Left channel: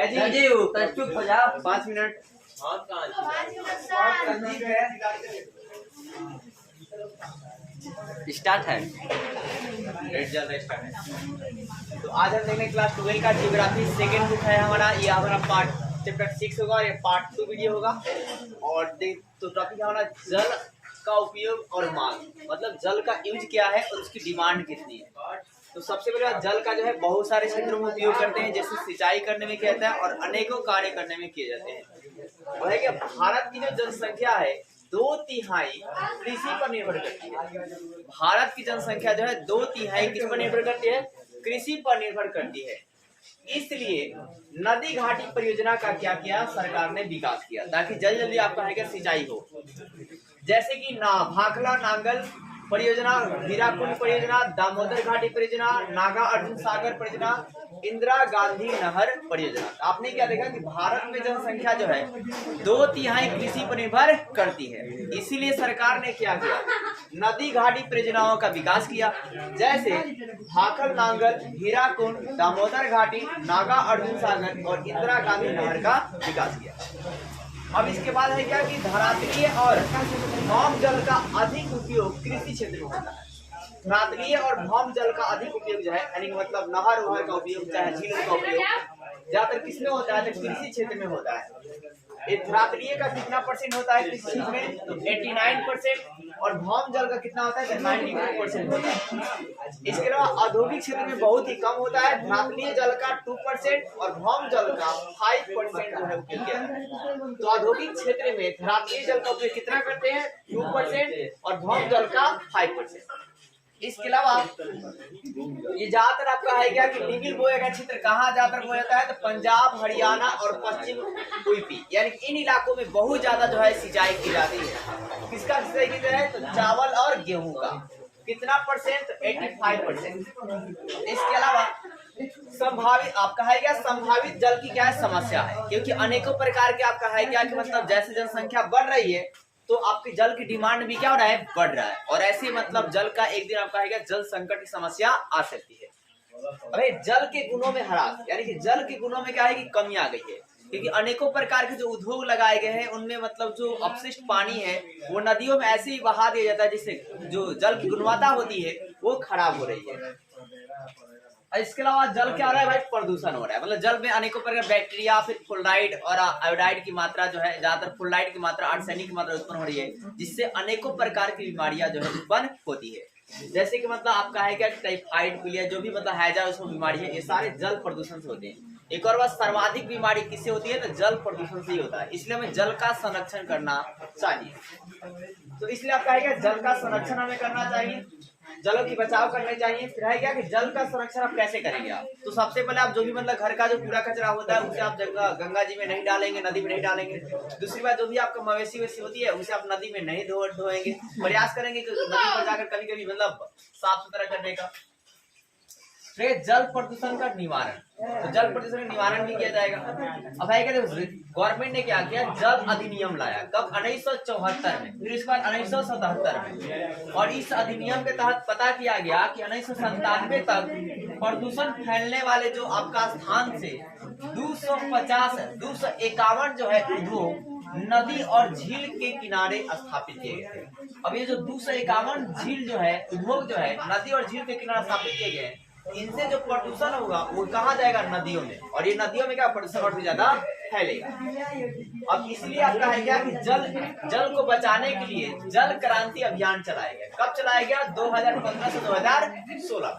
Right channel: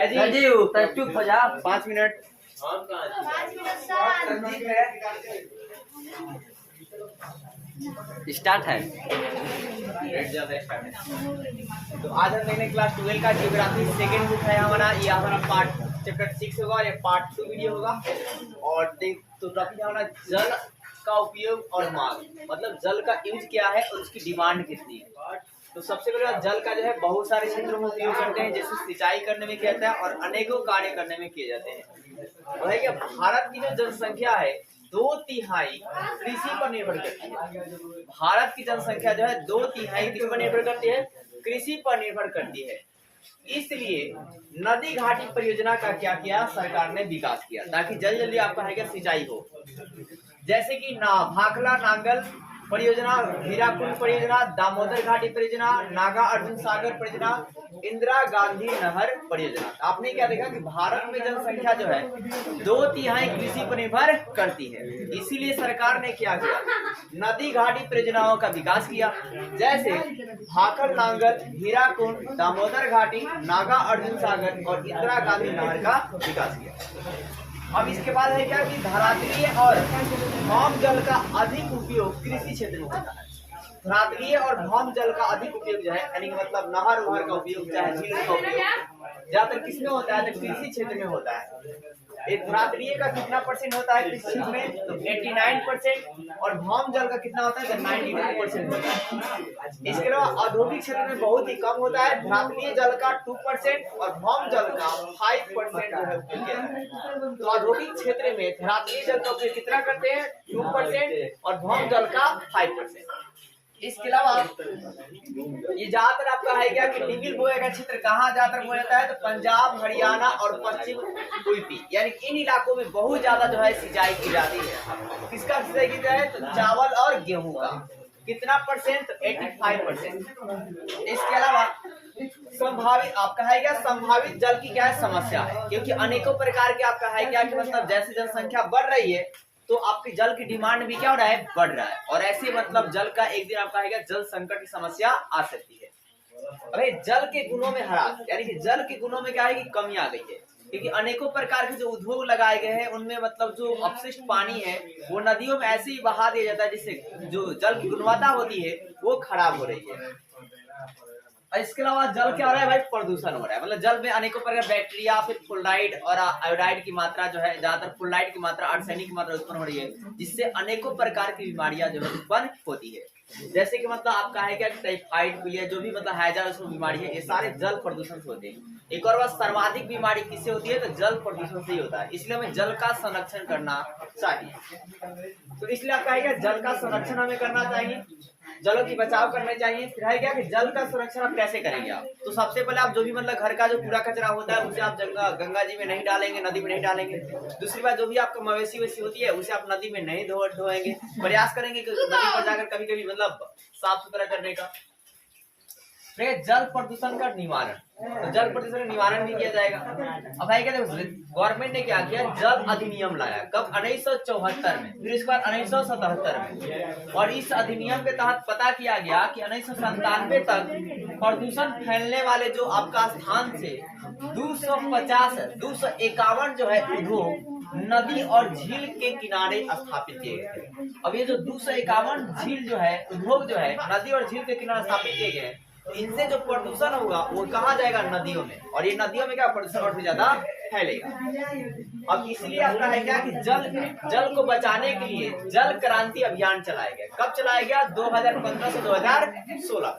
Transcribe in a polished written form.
राजीव चुप हो जा 5 मिनट। स्टार्ट है। तो आज हम देखेंगे क्लास 12 का जियोग्राफी सेकंड बुक है हमारा। ये हमारा पार्ट चैप्टर 6 होगा, ये पार्ट 2 वीडियो होगा। और तो टॉपिक है हमारा जल का उपयोग और मांग, मतलब जल का यूज क्या है और उसकी डिमांड कितनी है। तो सबसे पहले जल का जो है बहुत सारे क्षेत्रों में उपयोग करते हैं, जैसे सिंचाई करने में किया जाता है और अनेकों कार्य करने में किए जाते हैं। वह है कि भारत की जो जनसंख्या है 2/3 कृषि पर निर्भर करती है। भारत की जनसंख्या जो है 2/3 किस पर निर्भर करती है? कृषि पर निर्भर करती है। इसलिए नदी घाटी परियोजना का क्या किया सरकार ने? विकास किया, ताकि जल्दी जल्दी आपका है सिंचाई हो। जैसे कि भाखला नांगल परियोजना, हीराकुंड परियोजना, दामोदर घाटी परियोजना, नागा अर्जुन सागर परियोजना, इंदिरा गांधी नहर परियोजना। आपने क्या देखा कि भारत में जनसंख्या जो है 2/3 कृषि पर निर्भर करती है। इसीलिए सरकार ने क्या किया? नदी घाटी परियोजनाओं का विकास किया, जैसे भाखल नांगल, हीराकुंड, दामोदर घाटी, नागा अर्जुन सागर और इंदिरा गांधी नहर का विकास किया। अब इसके बाद है क्या कि धरातलीय और भौम जल का अधिक उपयोग कृषि क्षेत्र में होता है। धरातलीय और भौम जल का अधिक उपयोग जो है, यानी मतलब नहर वहर का उपयोग, चाहे झील का उपयोग ज्यादातर किसमें होता है? तो कृषि क्षेत्र में होता है। धरातलीय का कितना % होता है कृषि क्षेत्र में? तो 89%। और भौम जल का कितना होता है? तो 92% होता है। इसके अलावा औद्योगिक क्षेत्र में बहुत ही कम होता है। धरातलीय जल का 2% और भौम जल का 5% जो है उपयोग किया जाता है। तो औद्योगिक क्षेत्र में धरातलीय जल का उपयोग कितना करते हैं? 2% और भौम जल का 5%। इसके अलावा ये ज्यादातर आपका है क्या कि नीबिल बोए का क्षेत्र कहाँ ज्यादातर बोया जाता है? तो पंजाब, हरियाणा और पश्चिम यूपी, यानी इन इलाकों में बहुत ज्यादा जो है सिंचाई की जाती है। किसका सिंचाई की जाए? तो चावल और गेहूं का। कितना %? तो 85%। इसके अलावा संभावित आपका है क्या संभावित जल की क्या है समस्या है, क्योंकि अनेकों प्रकार के आपका है क्या कि मतलब जैसे जनसंख्या बढ़ रही है तो आपकी जल की डिमांड भी क्या हो रहा है? बढ़ रहा है। और ऐसे मतलब जल का एक दिन आपका है क्या जल संकट की समस्या आ सकती है। अरे जल के गुणों में ह्रास, यानी कि जल के गुणों में क्या है कि कमी आ गई है, क्योंकि अनेकों प्रकार के जो उद्योग लगाए गए हैं उनमें मतलब जो अपशिष्ट पानी है वो नदियों में ऐसे ही बहा दिया जाता है, जिससे जो जल की गुणवत्ता होती है वो खराब हो रही है। इसके अलावा जल क्या हो रहा है भाई? प्रदूषण हो रहा है। मतलब जल में अनेकों प्रकार बैक्टीरिया, फिर फ्लोराइड और आयोडाइड की मात्रा जो है, ज्यादातर फ्लोराइड की मात्रा, आर्सेनिक की मात्रा उत्पन्न हो रही है, जिससे अनेकों प्रकार की बीमारियां जो है उत्पन्न होती है। जैसे कि मतलब आपका है क्या टाइफाइड, पीलिया, जो भी मतलब हैजा उसमें बीमारी है, ये सारे जल प्रदूषण से होते हैं। एक और बात, सर्वाधिक बीमारी किससे होती है? तो जल प्रदूषण से ही होता है। इसलिए हमें जल का संरक्षण करना चाहिए। तो इसलिए आपका है क्या जल का संरक्षण हमें करना चाहिए, जलों की बचाव करने चाहिए। फिर है क्या कि जल का संरक्षण आप कैसे करेंगे? आप तो सबसे पहले आप जो भी मतलब घर का जो कूड़ा कचरा होता है उसे आप गंगा जी में नहीं डालेंगे, नदी में नहीं डालेंगे। दूसरी बात, जो भी आपका मवेशी वैसी होती है उसे आप नदी में नहीं धोएंगे। प्रयास करेंगे कि नदी पर जाकर कभी कभी मतलब साफ सुथरा करने का। जल प्रदूषण का निवारण, तो जल प्रदूषण निवारण भी किया जाएगा। अब है क्या गवर्नमेंट ने क्या किया? जल अधिनियम लाया। कब? 1974 में, फिर इसके बाद 1977 में। और इस अधिनियम के तहत पता किया गया कि 1997 तक प्रदूषण फैलने वाले जो आपका स्थान से 251 जो है उद्योग नदी और झील के किनारे स्थापित किए गए। अब ये जो 251 झील जो है उद्योग जो है नदी और झील के किनारे स्थापित किए गए, इनसे जो प्रदूषण होगा वो कहाँ जाएगा? नदियों में। और ये नदियों में क्या प्रदूषण और भी ज्यादा फैलेगा। अब इसलिए आपका है क्या कि जल को बचाने के लिए जल क्रांति अभियान चलाया गया। कब चलाया गया? 2015 से 2016 में।